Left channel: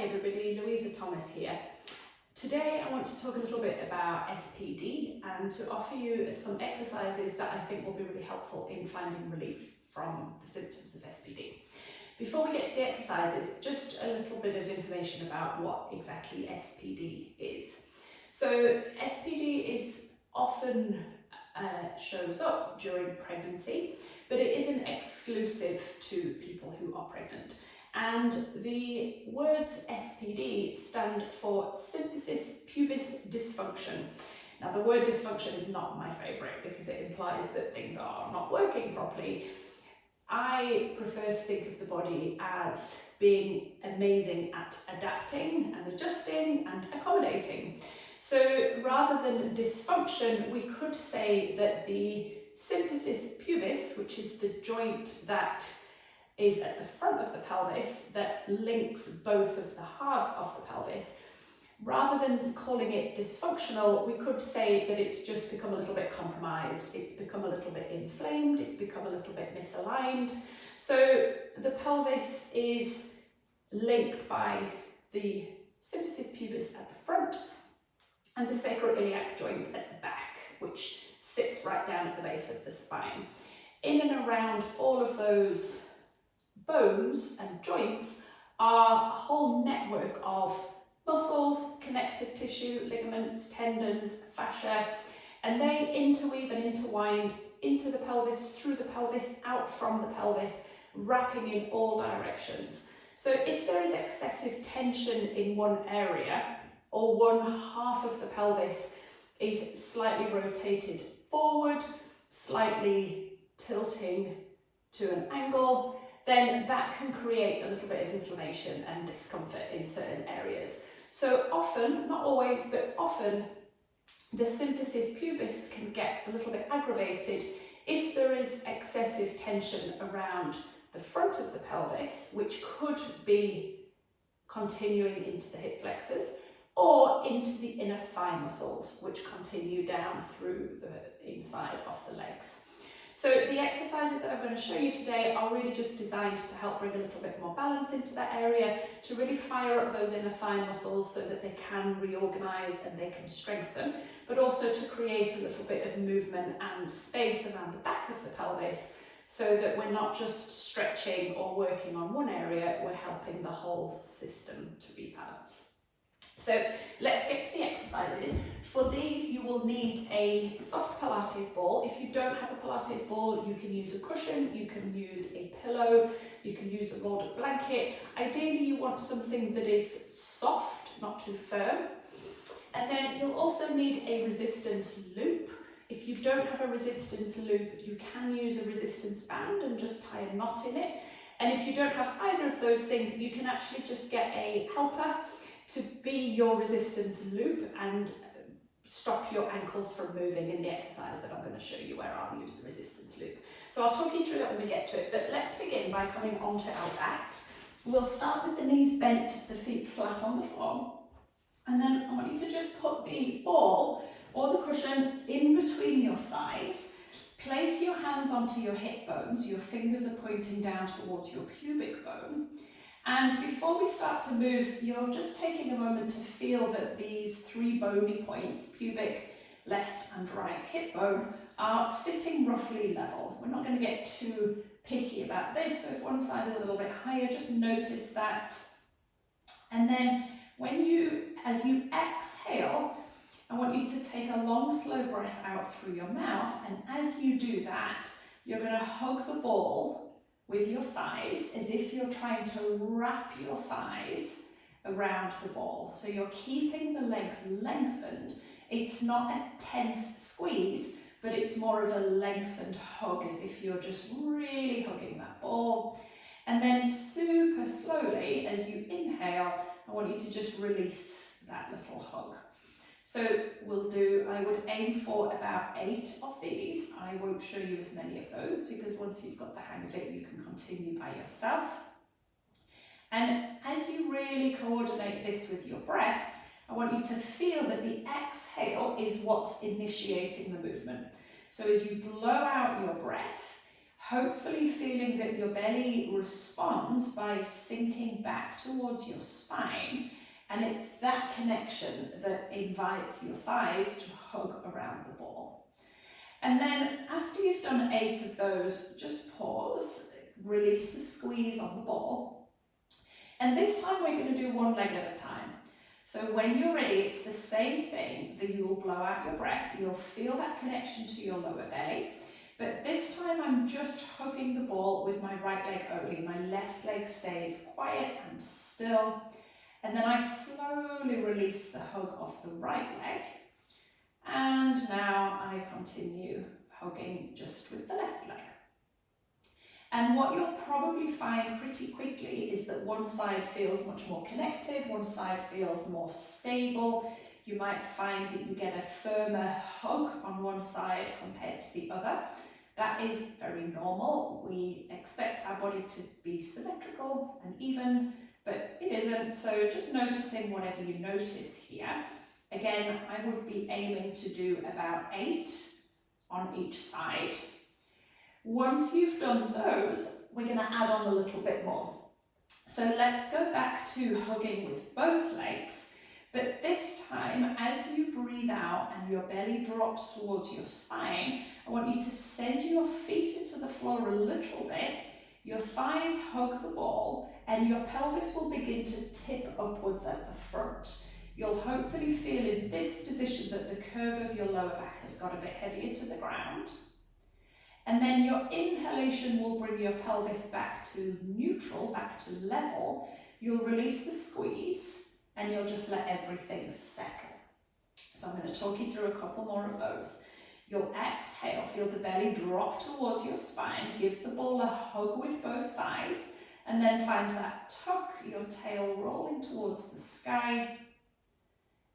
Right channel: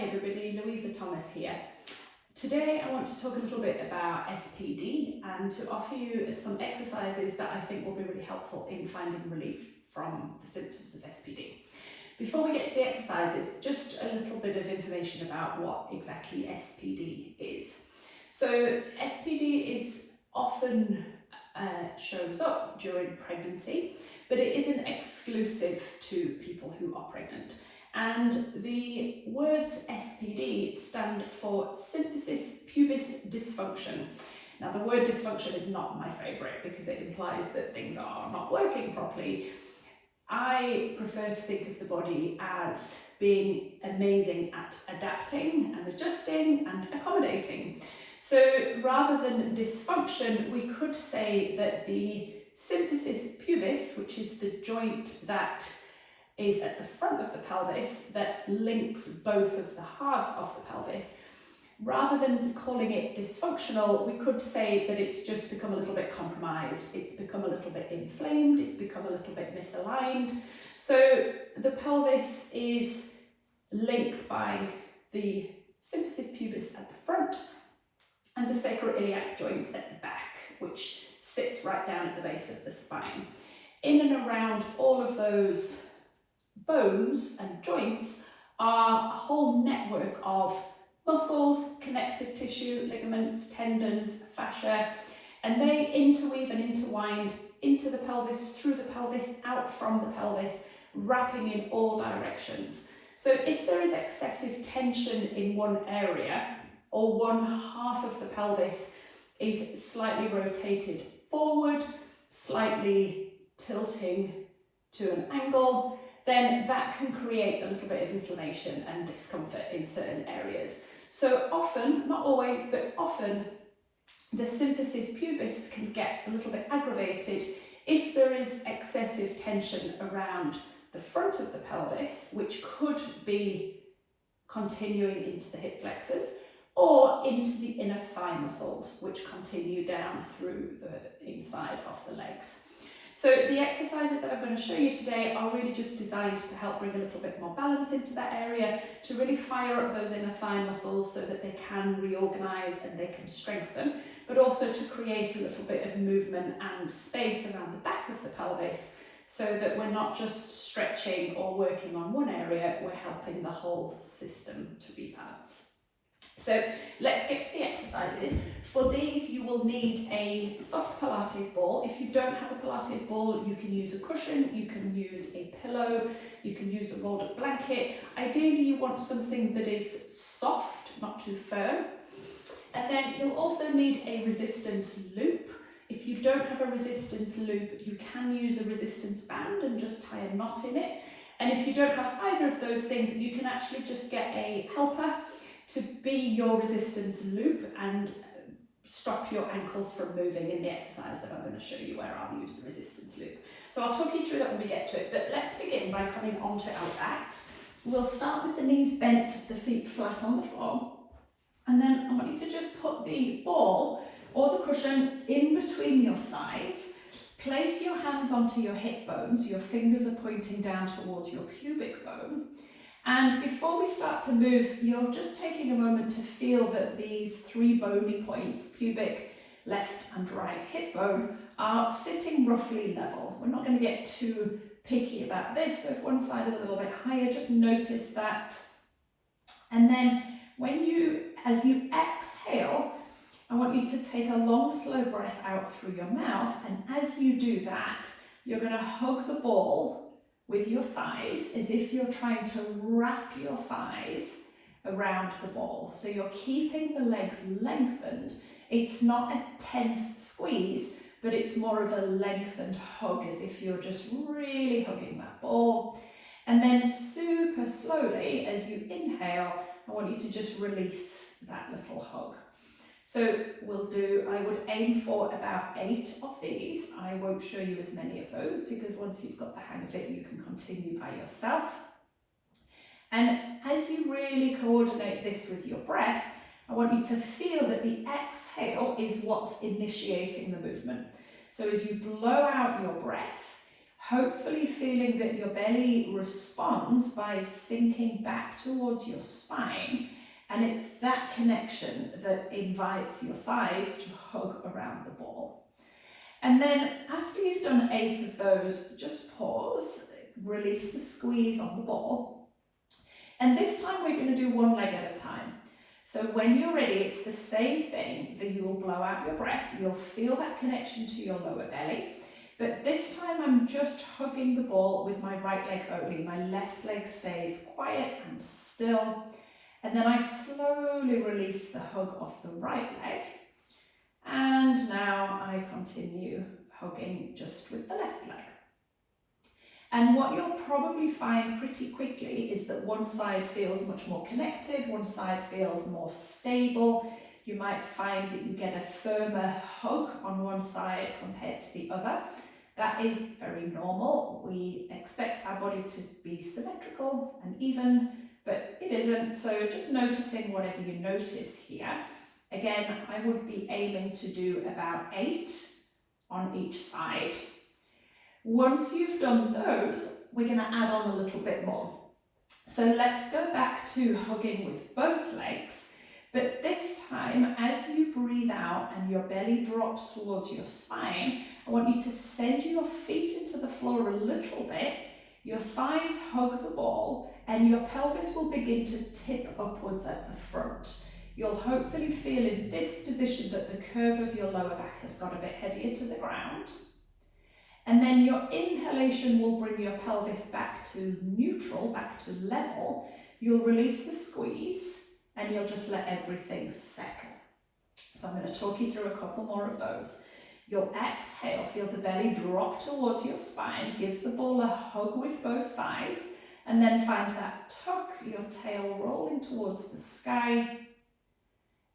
Hi everybody, Louisa Thomas here. Today I want to talk a little bit about SPD and to offer you some exercises that I think will be really helpful in finding relief from the symptoms of SPD. Before we get to the exercises, just a little bit of information about what exactly SPD is. So SPD is often shows up during pregnancy, but it isn't exclusive to people who are pregnant. And the words SPD stand for Symphysis Pubis Dysfunction. Now the word dysfunction is not my favourite because it implies that things are not working properly. I prefer to think of the body as being amazing at adapting and adjusting and accommodating. So rather than dysfunction, we could say that the symphysis pubis, which is the joint that is at the front of the pelvis that links both of the halves of the pelvis, rather than calling it dysfunctional, we could say that it's just become a little bit compromised, it's become a little bit inflamed, it's become a little bit misaligned. So the pelvis is linked by the symphysis pubis at the front and the sacroiliac joint at the back, which sits right down at the base of the spine. In and around all of those bones and joints are a whole network of muscles, connective tissue, ligaments, tendons, fascia, and they interweave and intertwine into the pelvis, through the pelvis, out from the pelvis, wrapping in all directions. So if there is excessive tension in one area, or one half of the pelvis is slightly rotated forward, slightly tilting to an angle, then that can create a little bit of inflammation and discomfort in certain areas. So often, not always, but often, the symphysis pubis can get a little bit aggravated if there is excessive tension around the front of the pelvis, which could be continuing into the hip flexors, or into the inner thigh muscles, which continue down through the inside of the legs. So the exercises that I'm going to show you today are really just designed to help bring a little bit more balance into that area, to really fire up those inner thigh muscles so that they can reorganize and they can strengthen, but also to create a little bit of movement and space around the back of the pelvis so that we're not just stretching or working on one area, we're helping the whole system to rebalance. So let's get to the exercises. For these, you will need a soft Pilates ball. If you don't have a Pilates ball, you can use a cushion, you can use a pillow, you can use a rolled up blanket. Ideally, you want something that is soft, not too firm. And then you'll also need a resistance loop. If you don't have a resistance loop, you can use a resistance band and just tie a knot in it. And if you don't have either of those things, you can actually just get a helper to be your resistance loop and stop your ankles from moving in the exercise that I'm going to show you where I'll use the resistance loop. So I'll talk you through that when we get to it, but let's begin by coming onto our backs. We'll start with the knees bent, the feet flat on the floor, and then I want you to just put the ball or the cushion in between your thighs. Place your hands onto your hip bones, your fingers are pointing down towards your pubic bone. And before we start to move, you're just taking a moment to feel that these three bony points, pubic, left and right hip bone, are sitting roughly level. We're not going to get too picky about this. So if one side is a little bit higher, just notice that. And then as you exhale, I want you to take a long, slow breath out through your mouth. And as you do that, you're going to hug the ball with your thighs as if you're trying to wrap your thighs around the ball. So you're keeping the legs lengthened. It's not a tense squeeze, but it's more of a lengthened hug as if you're just really hugging that ball. And then super slowly, as you inhale, I want you to just release that little hug. So I would aim for about 8 of these. I won't show you as many of those because once you've got the hang of it, you can continue by yourself. And as you really coordinate this with your breath, I want you to feel that the exhale is what's initiating the movement. So as you blow out your breath, hopefully feeling that your belly responds by sinking back towards your spine, and it's that connection that invites your thighs to hug around the ball. And then after you've done 8 of those, just pause, release the squeeze on the ball. And this time we're going to do one leg at a time. So when you're ready, it's the same thing, that you will blow out your breath, you'll feel that connection to your lower belly, but this time I'm just hugging the ball with my right leg only. My left leg stays quiet and still, and then I slowly release the hug of the right leg, and now I continue hugging just with the left leg. And what you'll probably find pretty quickly is that one side feels much more connected, one side feels more stable. You might find that you get a firmer hug on one side compared to the other. That is very normal. We expect our body to be symmetrical and even, but it isn't. So just noticing whatever you notice here. Again, I would be aiming to do about 8 on each side. Once you've done those, we're going to add on a little bit more. So let's go back to hugging with both legs, but this time as you breathe out and your belly drops towards your spine, I want you to send your feet into the floor a little bit, your thighs hug the ball, and your pelvis will begin to tip upwards at the front. You'll hopefully feel in this position that the curve of your lower back has got a bit heavier to the ground. And then your inhalation will bring your pelvis back to neutral, back to level. You'll release the squeeze and you'll just let everything settle. So I'm going to talk you through a couple more of those. You'll exhale, feel the belly drop towards your spine, give the ball a hug with both thighs, and then find that tuck, your tail rolling towards the sky.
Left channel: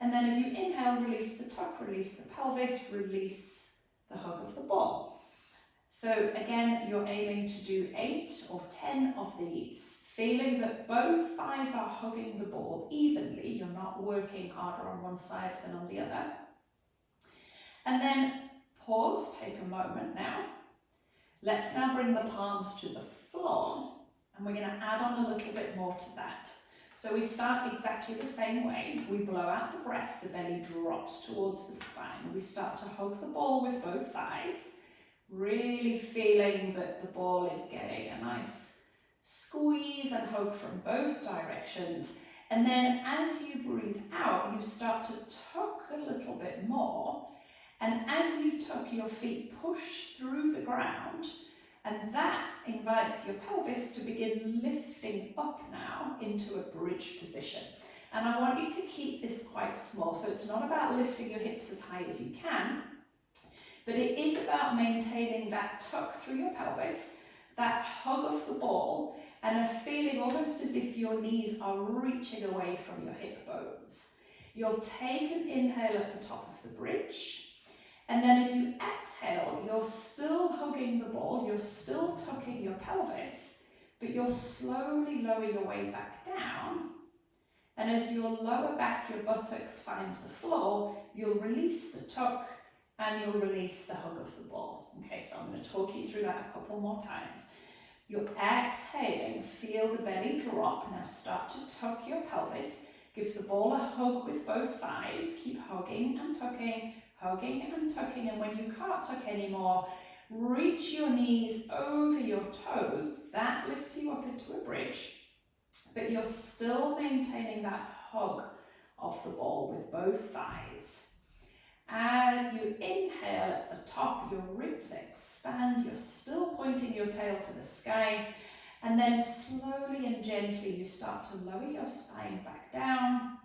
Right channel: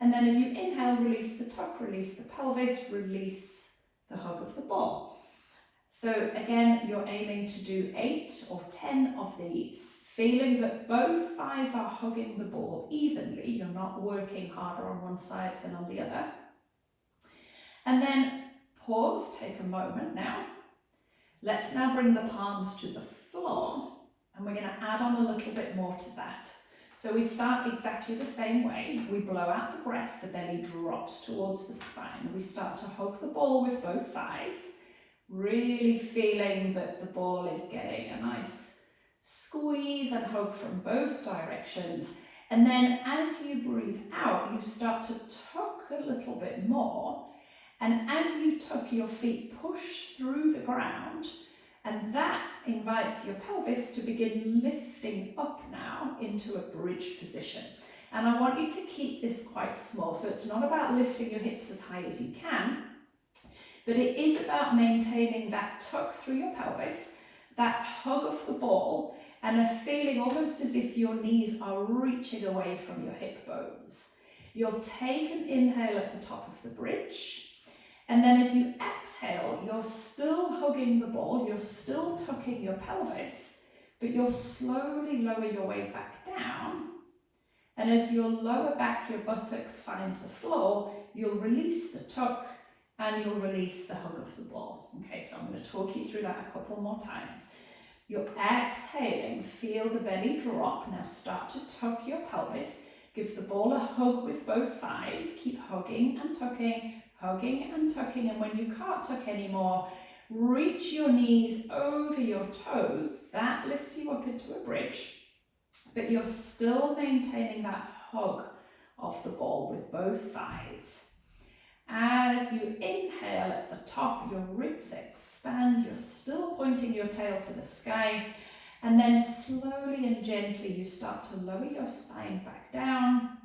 And then as you inhale, release the tuck, release the pelvis, release the hug of the ball. So again, you're aiming to do 8 or 10 of these, feeling that both thighs are hugging the ball evenly. You're not working harder on one side than on the other. And then pause, take a moment now. Let's now bring the palms to the floor, and we're going to add on a little bit more to that. So we start exactly the same way. We blow out the breath, the belly drops towards the spine. We start to hug the ball with both thighs, really feeling that the ball is getting a nice squeeze and hug from both directions. And then as you breathe out, you start to tuck a little bit more. And as you tuck, your feet push through the ground, and that invites your pelvis to begin lifting up now into a bridge position. And I want you to keep this quite small. So it's not about lifting your hips as high as you can, but it is about maintaining that tuck through your pelvis, that hug of the ball, and a feeling almost as if your knees are reaching away from your hip bones. You'll take an inhale at the top of the bridge, and then as you exhale, you're still hugging the ball, you're still tucking your pelvis, but you'll slowly lower your way back down. And as your lower back, your buttocks find the floor, you'll release the tuck and you'll release the hug of the ball. Okay, so I'm going to talk you through that a couple more times. You're exhaling, feel the belly drop. Now start to tuck your pelvis. Give the ball a hug with both thighs. Keep hugging and tucking, and when you can't tuck anymore, reach your knees over your toes. That lifts you up into a bridge, but you're still maintaining that hug of the ball with both thighs. As you inhale at the top, your ribs expand, you're still pointing your tail to the sky, and then slowly and gently you start to lower your spine back down.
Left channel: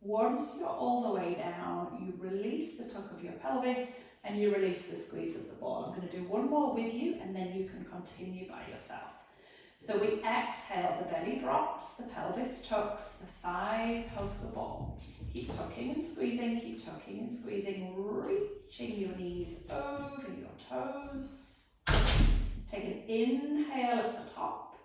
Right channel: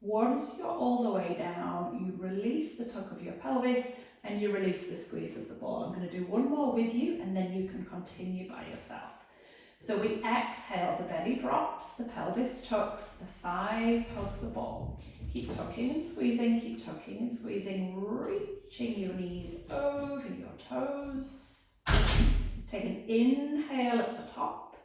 Once you're all the way down, you release the tuck of your pelvis and you release the squeeze of the ball. I'm going to do one more with you and then you can continue by yourself. So we exhale, the belly drops, the pelvis tucks, the thighs hug the ball. Keep tucking and squeezing, reaching your knees over your toes. Take an inhale at the top,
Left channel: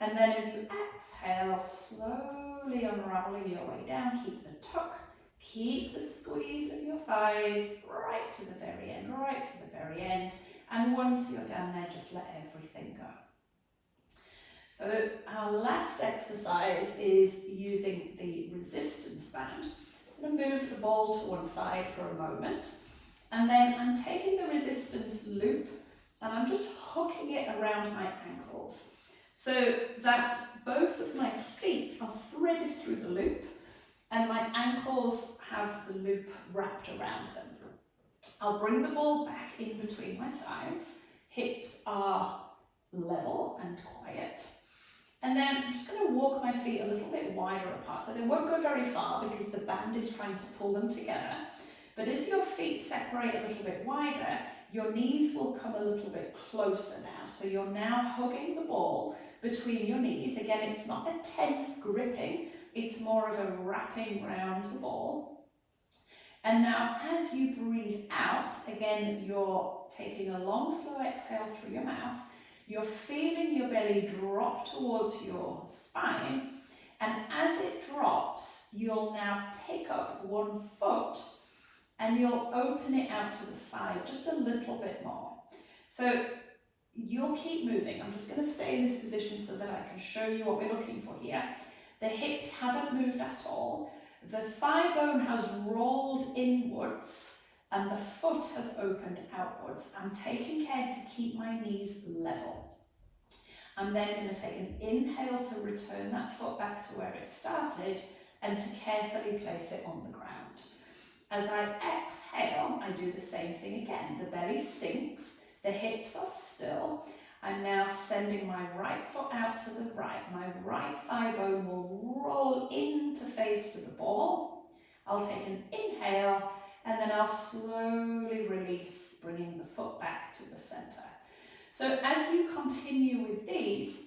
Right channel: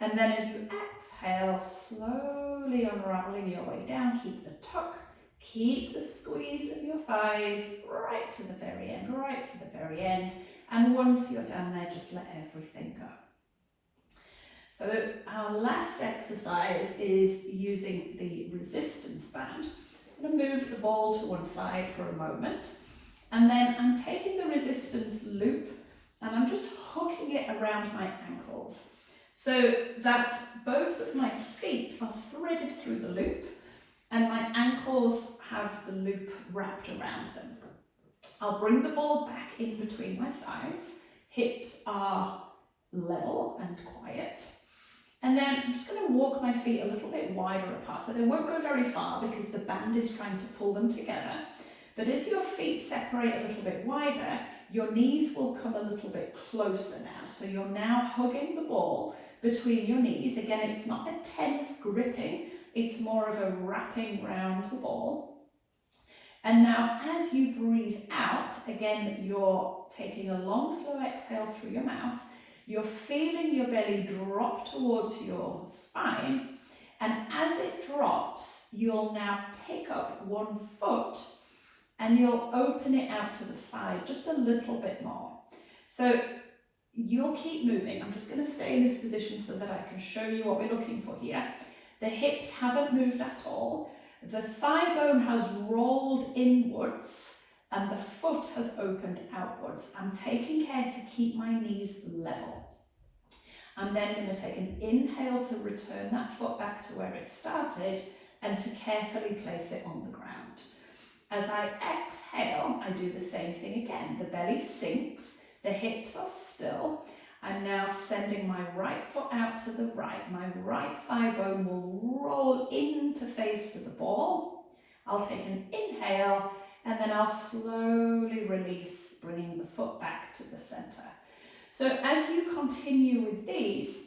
and then as you exhale, slowly unraveling your way down. Keep the tuck, keep the squeeze of your thighs right to the very end, And once you're down there, just let everything go. So our last exercise is using the resistance band. I'm going to move the ball to one side for a moment, and then I'm taking the resistance loop and I'm just hooking it around my ankles so that both of my feet are threaded through the loop and my ankles have the loop wrapped around them. I'll bring the ball back in between my thighs, hips are level and quiet, and then I'm just going to walk my feet a little bit wider apart, so they won't go very far because the band is trying to pull them together. But as your feet separate a little bit wider, your knees will come a little bit closer now. So you're now hugging the ball between your knees. Again, it's not a tense gripping, it's more of a wrapping round the ball. And now as you breathe out, again, you're taking a long, slow exhale through your mouth. You're feeling your belly drop towards your spine. And as it drops, you'll now pick up one foot and you'll open it out to the side just a little bit more. So you'll keep moving. I'm just going to stay in this position so that I can show you what we're looking for here. The hips haven't moved at all. The thigh bone has rolled inwards and the foot has opened outwards. I'm taking care to keep my knees level. I'm then going to take an inhale to return that foot back to where it started and to carefully place it on the ground. As I exhale, I do the same thing again. The belly sinks, the hips are still. I'm now sending my right foot out to the right. My right thigh bone will roll in to face to the ball. I'll take an inhale and then I'll slowly release, bringing the foot back to the center. So as you continue with these,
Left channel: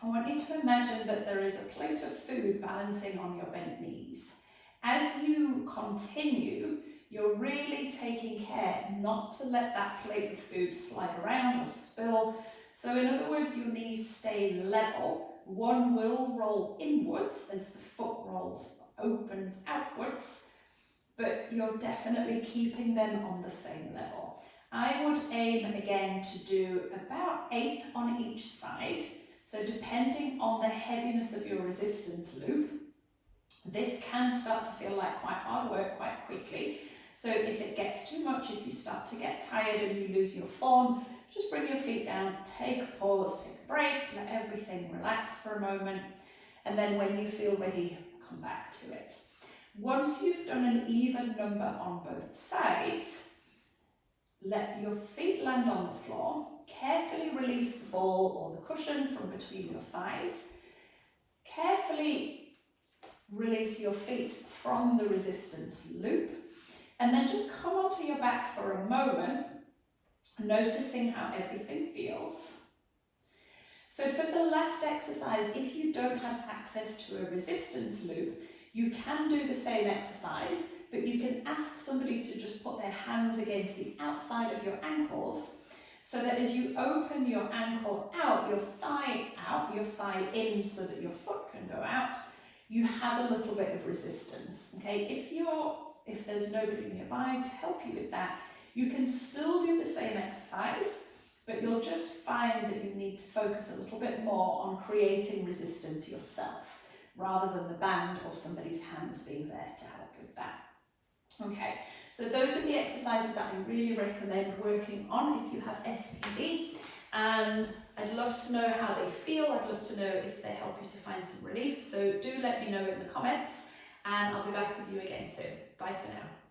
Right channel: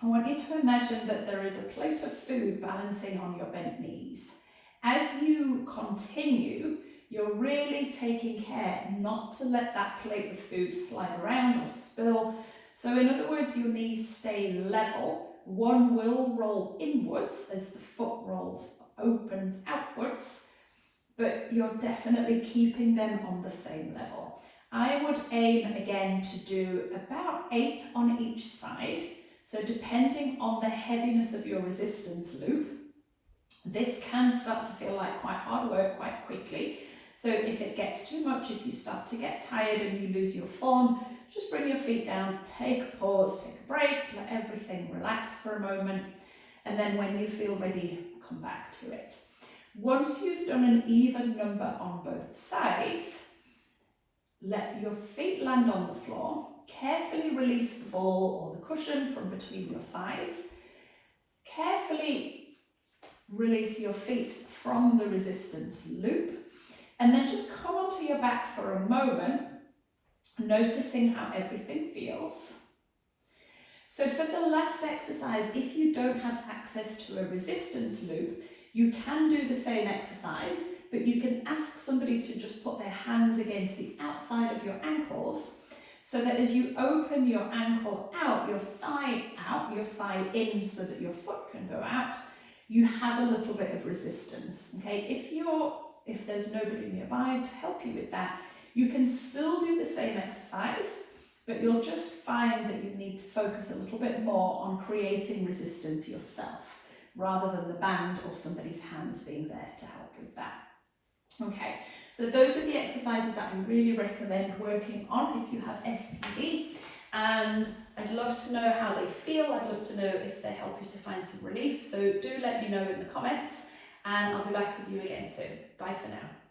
I want you to imagine that there is a plate of food balancing on your bent knees. As you continue, you're really taking care not to let that plate of food slide around or spill. So in other words, your knees stay level. One will roll inwards as the foot opens outwards, but you're definitely keeping them on the same level. I would aim again to do about 8 on each side. So depending on the heaviness of your resistance loop, this can start to feel like quite hard work quite quickly. So if it gets too much, if you start to get tired and you lose your form, just bring your feet down, take a pause, take a break, let everything relax for a moment. And then when you feel ready, come back to it. Once you've done an even number on both sides, let your feet land on the floor. Carefully release the ball or the cushion from between your thighs. Carefully release your feet from the resistance loop. And then just come onto your back for a moment, noticing how everything feels. So for the last exercise, if you don't have access to a resistance loop, you can do the same exercise, but you can ask somebody to just put their hands against the outside of your ankles so that as you open your ankle out, your thigh in so that your foot can go out, you have a little bit of resistance. Okay, if there's nobody nearby to help you with that, you can still do the same exercise, but you'll just find that you need to focus a little bit more on creating resistance yourself, rather than the band or somebody's hands being there to help with that. Okay, so those are the exercises that I really recommend working on if you have SPD, and I'd love to know how they feel. I'd love to know if they help you to find some relief, so do let me know in the comments, and I'll be back with you again soon. Bye for now.